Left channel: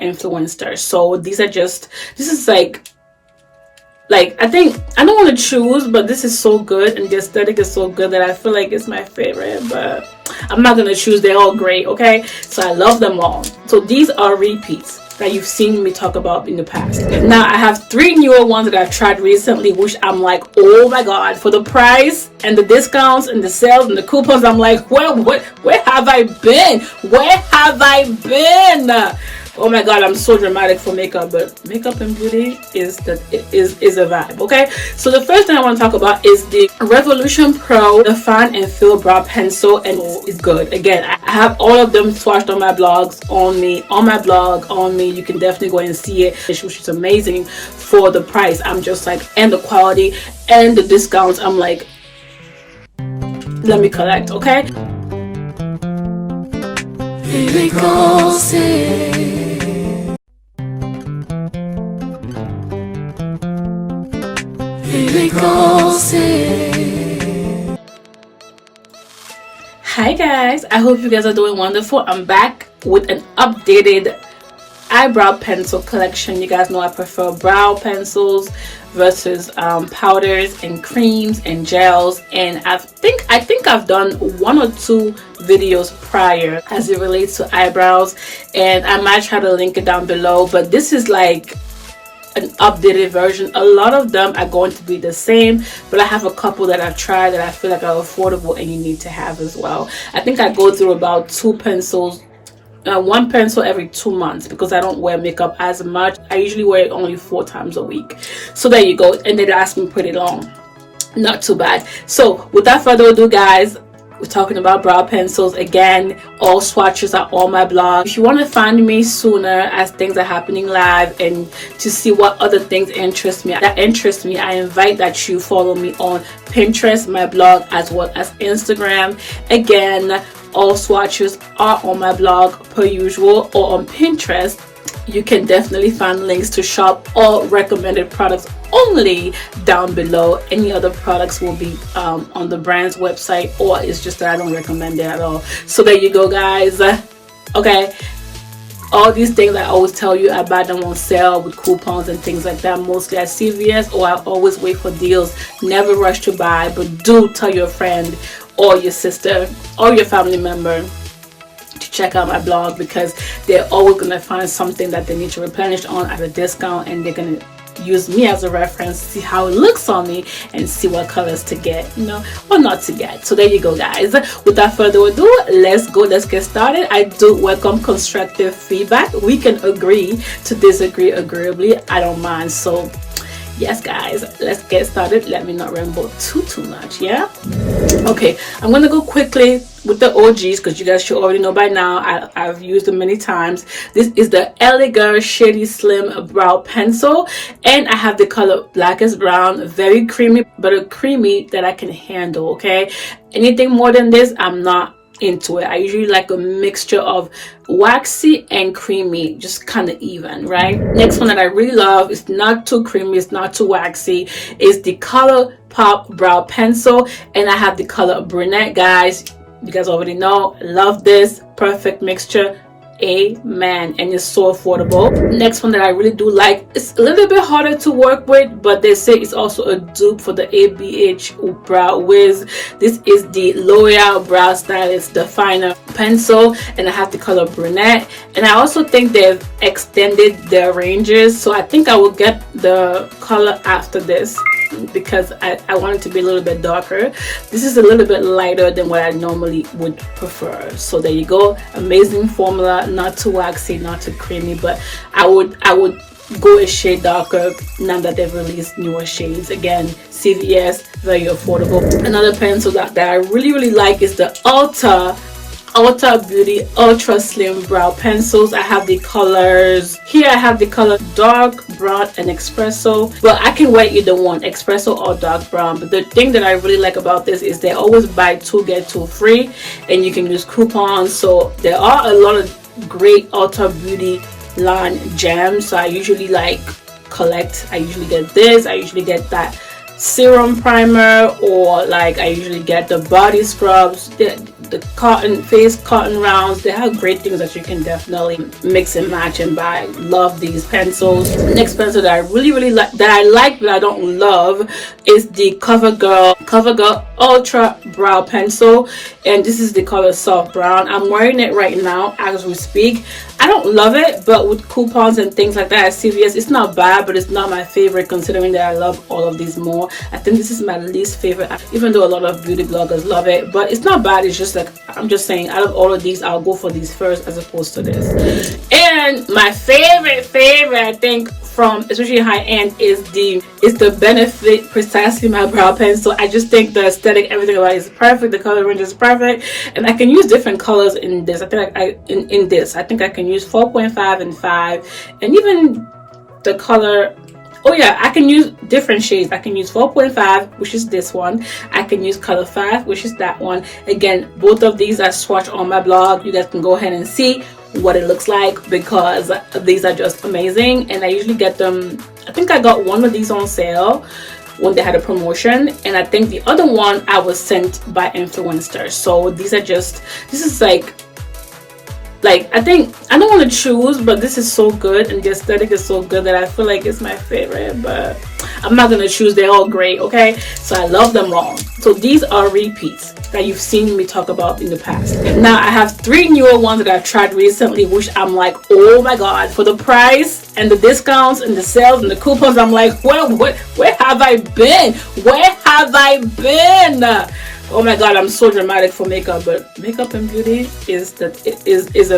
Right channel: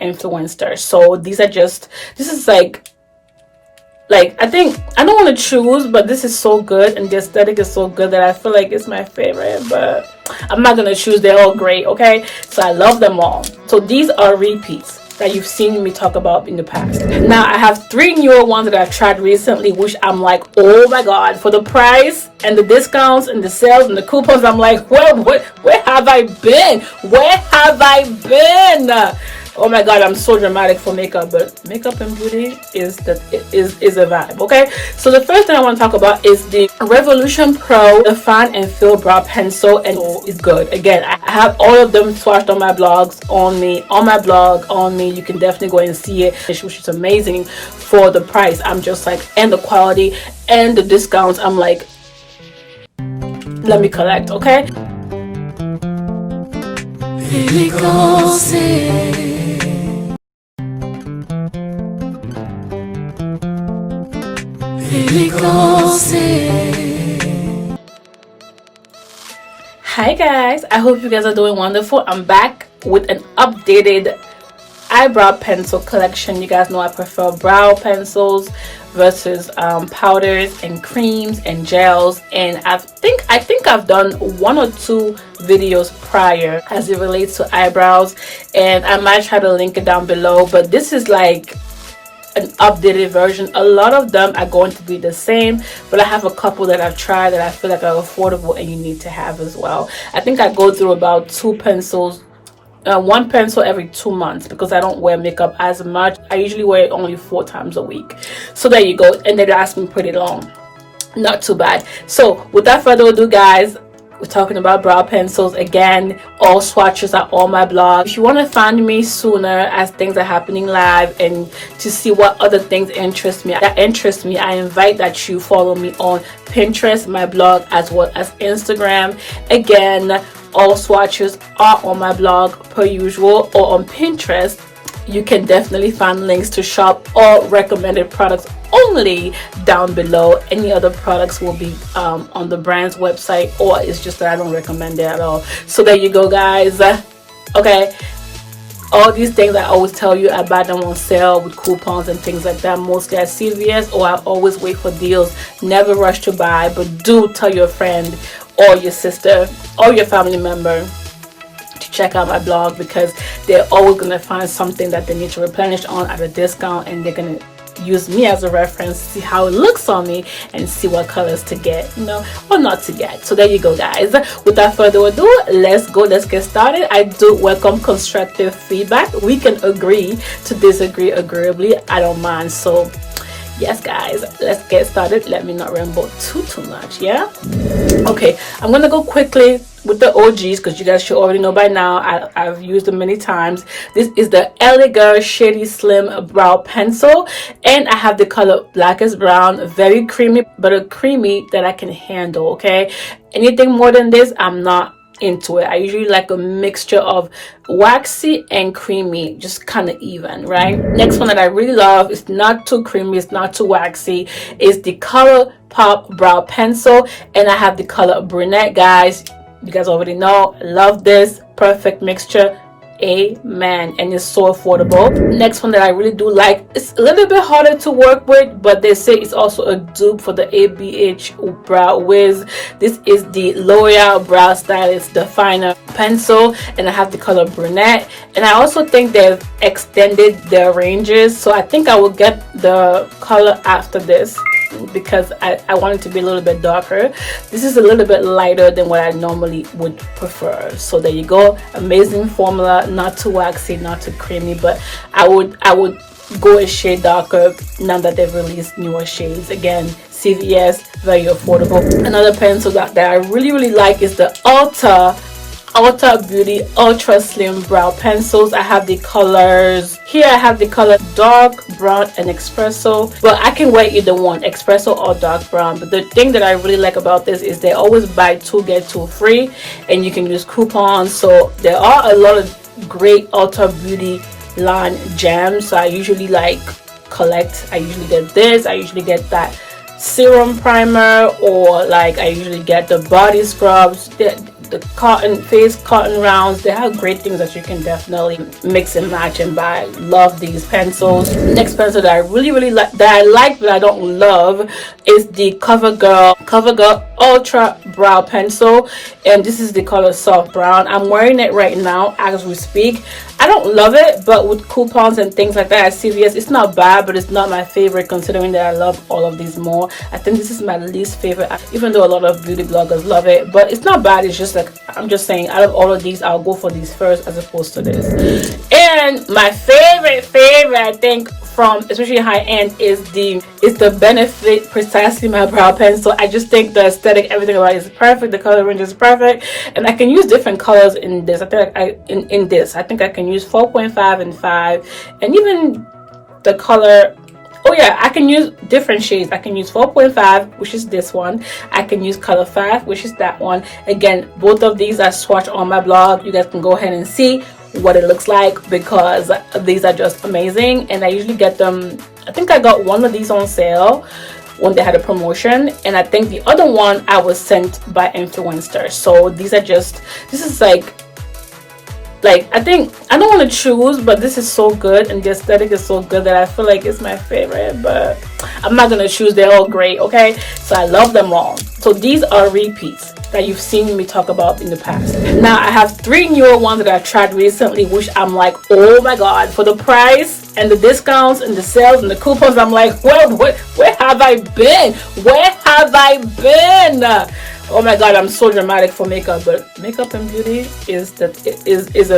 influencer. So these are just, this is like I think I don't want to choose, but this is so good and the aesthetic is so good that I feel like it's my favorite, but I'm not gonna choose. They're all great, okay? So I love them all. So these are repeats that you've seen me talk about in the past. Now I have 3 newer ones that I've tried recently, which I'm like, oh my god, for the price and the discounts and the sales and the coupons, I'm like, where have I been? Where have I been? Oh my god, I'm so dramatic for makeup, but makeup and beauty is a vibe, okay? So the first thing I want to talk about is the Revolution Pro Define and Fill Brow Pencil, and it's good. Again, I have all of them swatched on my blogs, on my blog, on me. You can definitely go and see it, which is amazing for the price. I'm just like, and the quality and the discounts, I'm like, let me collect, okay? Really goes in. Really goes in. Hi guys, I hope you guys are doing wonderful. I'm back with an updated eyebrow pencil collection. You guys know I prefer brow pencils versus powders and creams and gels, and I think I've done 1 or 2 videos prior as it relates to eyebrows, and I might try to link it down below, but this is like an updated version. A lot of them are going to be the same, but I have a couple that I've tried that I feel like are affordable and you need to have as well. I think I go through about 2 pencils, 1 pencil every 2 months, because I don't wear makeup as much. I usually wear it only 4 times a week. So there you go, and they last me pretty long. Not too bad. So without further ado guys, we're talking about brow pencils again. All swatches are on my blog. If you want to find me sooner as things are happening live and to see what other things interest me, I invite that you follow me on Pinterest, my blog, as well as Instagram. Again, all swatches are on my blog per usual, or on Pinterest. You can definitely find links to shop all recommended products only down below. Any other products will be on the brand's website, or it's just that I don't recommend it at all. So there you go guys. Okay, all these things I always tell you, I buy them on sale with coupons and things like that, mostly at CVS, or I always wait for deals. Never rush to buy, but do tell your friend or your sister or your family member to check out my blog, because they're always going to find something that they need to replenish on at a discount, and they're going to use me as a reference, see how it looks on me, and see what colors to get, you know, or not to get. So there you go guys. Without further ado, let's get started. I do welcome constructive feedback. We can agree to disagree agreeably. I don't mind. So yes guys, let's get started. Let me not ramble too much. Yeah, okay, I'm gonna go quickly with the OGs, because you guys should already know by now. I've used them many times. This is the GIRLShady Slim Brow Pencil, and I have the color Blackest Brown. Very creamy, but a creamy that I can handle. Okay, anything more than this, I'm not into it. I usually like a mixture of waxy and creamy, just kind of even, right? Next one that I really love, is not too creamy, it's not too waxy, is the COLOURPOP Brow Pencil, and I have the color Brunette. Guys, you guys already know, love this. Perfect mixture. Amen. And it's so affordable. Next one that I really do like, it's a little bit harder to work with, but they say it's also a dupe for the ABH Brow Wiz. This is the L'Oreal Brow Stylist Definer Pencil, and I have the color Brunette. And I also think they've extended their ranges, so I think I will get the color after this, because I want it to be a little bit darker. This is a little bit lighter than what I normally would prefer. So there you go. Amazing formula, not too waxy, not too creamy, but I would go a shade darker now that they've released newer shades. Again, CVS, very affordable. Another pencil that I really like is the ULTA Beauty Ultra Slim Brow Pencils. I have the colors here. I have the color dark brown and espresso, but I can wear either one, espresso or dark brown. But the thing that I really like about this is they always buy 2 get 2 free, and you can use coupons. So there are a lot of great Ulta Beauty line gems. So I usually like collect. I usually get this, I usually get that serum primer, or like I usually get the body scrubs, the cotton face cotton rounds. They have great things that you can definitely mix and match and buy. Love these pencils. Next pencil that I really like, that I like but I don't love, is the COVERGIRL Ultra Brow Pencil, and this is the color Soft Brown. I'm wearing it right now as we speak. I don't love it, but with coupons and things like that at CVS, it's not bad, but it's not my favorite, considering that I love all of these more. I think this is my least favorite, even though a lot of beauty bloggers love it, but it's not bad. It's just like, I'm just saying, out of all of these, I'll go for these first as opposed to this. And my favorite I think, from especially high end, is the Benefit Precisely My Brow Pencil. I just think the aesthetic, everything about it is perfect. The color range is perfect, and I can use different colors in this. I think I think I can use 4.5 and 5, and even the color. Oh yeah, I can use different shades. I can use 4.5, which is this one. I can use color 5, which is that one. Again, both of these are swatched on my blog. You guys can go ahead and see what it looks like, because these are just amazing. And I usually get them, I think I got one of these on sale when they had a promotion, and I think the other one I was sent by influencer. So these are just, this is like I think, I don't want to choose, but this is so good and the aesthetic is so good that I feel like it's my favorite, but I'm not gonna choose. They're all great, okay? So I love them all. So these are repeats that you've seen me talk about in the past. Now I have 3 newer ones that I've tried recently, which I'm like, oh my god, for the price and the discounts and the sales and the coupons, I'm like, well, where have I been? Where have I been? Oh my god, I'm so dramatic for makeup, but makeup and beauty is a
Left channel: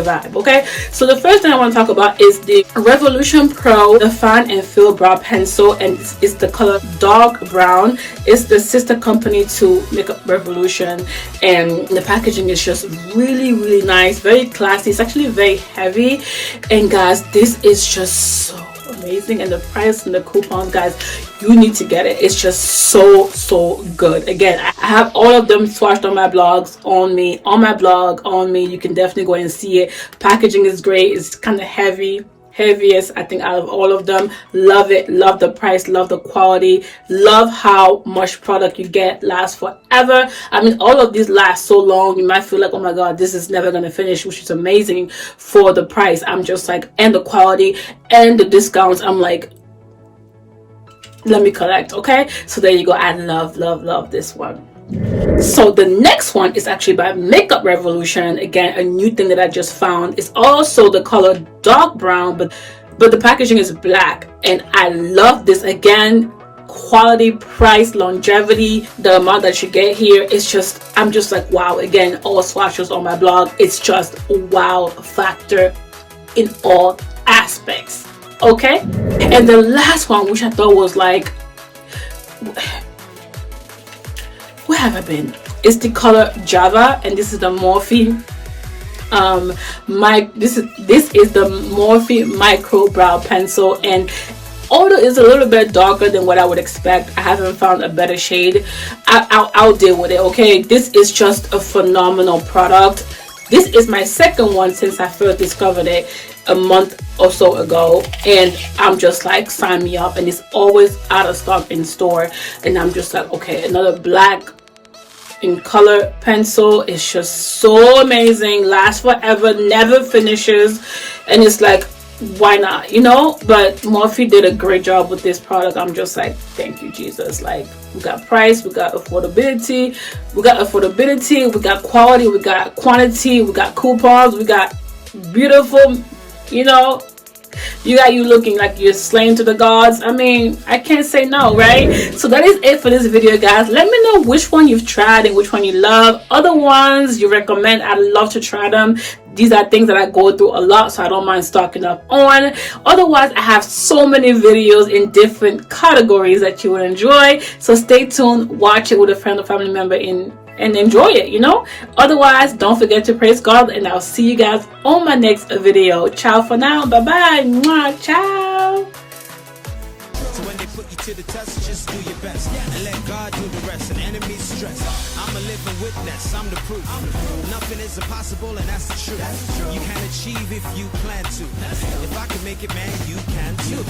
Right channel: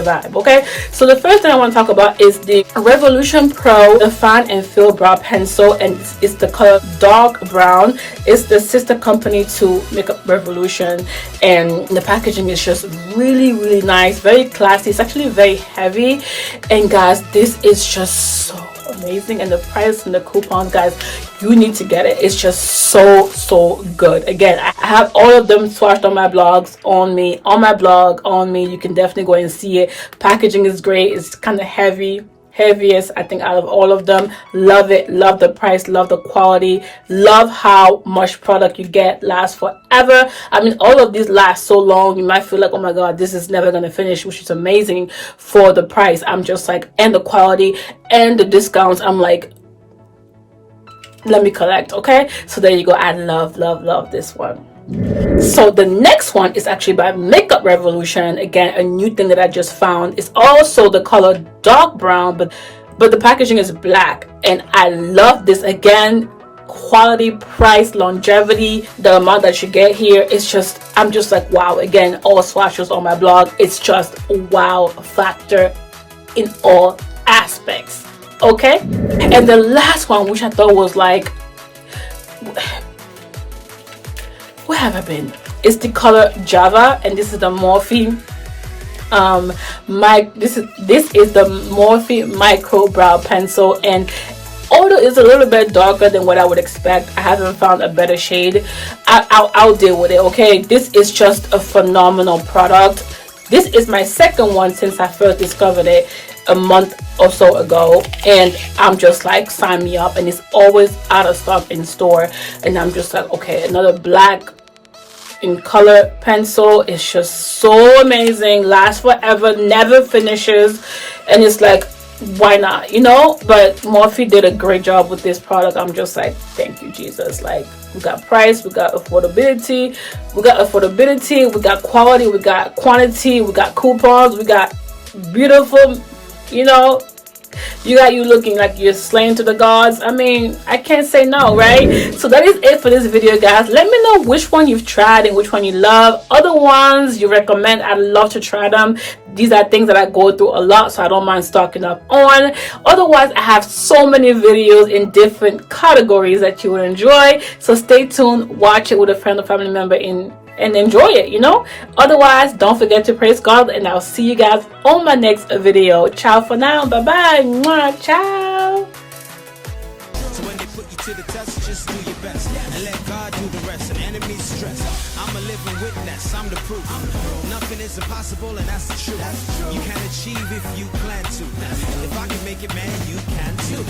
vibe, okay? So the first thing I want to talk about is the Revolution Pro Define and Fill Brow Pencil, and it's the color Dark Brown. It's the sister company to Makeup Revolution, and the packaging is just really nice, very classy. It's actually very heavy, and guys, this is just so amazing. And the price and the coupons, guys, you need to get it. It's just so good. Again, I have all of them swatched on my blogs, on my blog. You can definitely go and see it. Packaging is great. It's kind of heaviest I think out of all of them. Love it, love the price, love the quality, love how much product you get. Lasts forever. I mean, all of these last so long, you might feel like, oh my god, this is never gonna finish, which is amazing for the price. I'm just like, and the quality and the discounts, I'm like, let me collect. Okay, so there you go. I love this one. So the next one is actually by Makeup Revolution. Again, a new thing that I just found. It's also the color Dark Brown, but the packaging is black, and I love this. Again, quality, price, longevity, the amount that you get here, it's just, I'm just like, wow. Again, all swatches on my blog. It's just wow factor in all aspects. Okay, and the last one, which I thought was like, where have I been? It's the color Java, and this is the Morphe. This is the Morphe Micro Brow Pencil, and although it's a little bit darker than what I would expect, I haven't found a better shade. I'll deal with it. Okay, this is just a phenomenal product. This is my second one since I first discovered it a month or so ago, and I'm just like, sign me up. And it's always out of stock in store, and I'm just like, okay, another black in color pencil. It's just so amazing, lasts forever, never finishes, and it's like, why not, you know? But Morphe did a great job with this product. I'm just like, thank you, Jesus. Like, we got price, we got affordability, we got quality, we got quantity, we got coupons, we got beautiful, you know, you got you looking like you're slain to the gods. I mean, I can't say no, right? So that is it for this video, guys. Let me know which one you've tried and which one you love. Other ones you recommend, I'd love to try them. These are things that I go through a lot, so I don't mind stocking up on. Otherwise, I have so many videos in different categories that you will enjoy, so stay tuned, watch it with a friend or family member and enjoy it, you know. Otherwise, don't forget to praise God, and I'll see you guys on my next video. Ciao for now. Bye bye. Mwah. Ciao. So when they put you to the test, just do your best and let God do the rest. And enemies stress, I'm a living witness, I'm the proof. Nothing is impossible, and that's the truth. You can achieve if you plan to. If I can make it, man, you can too.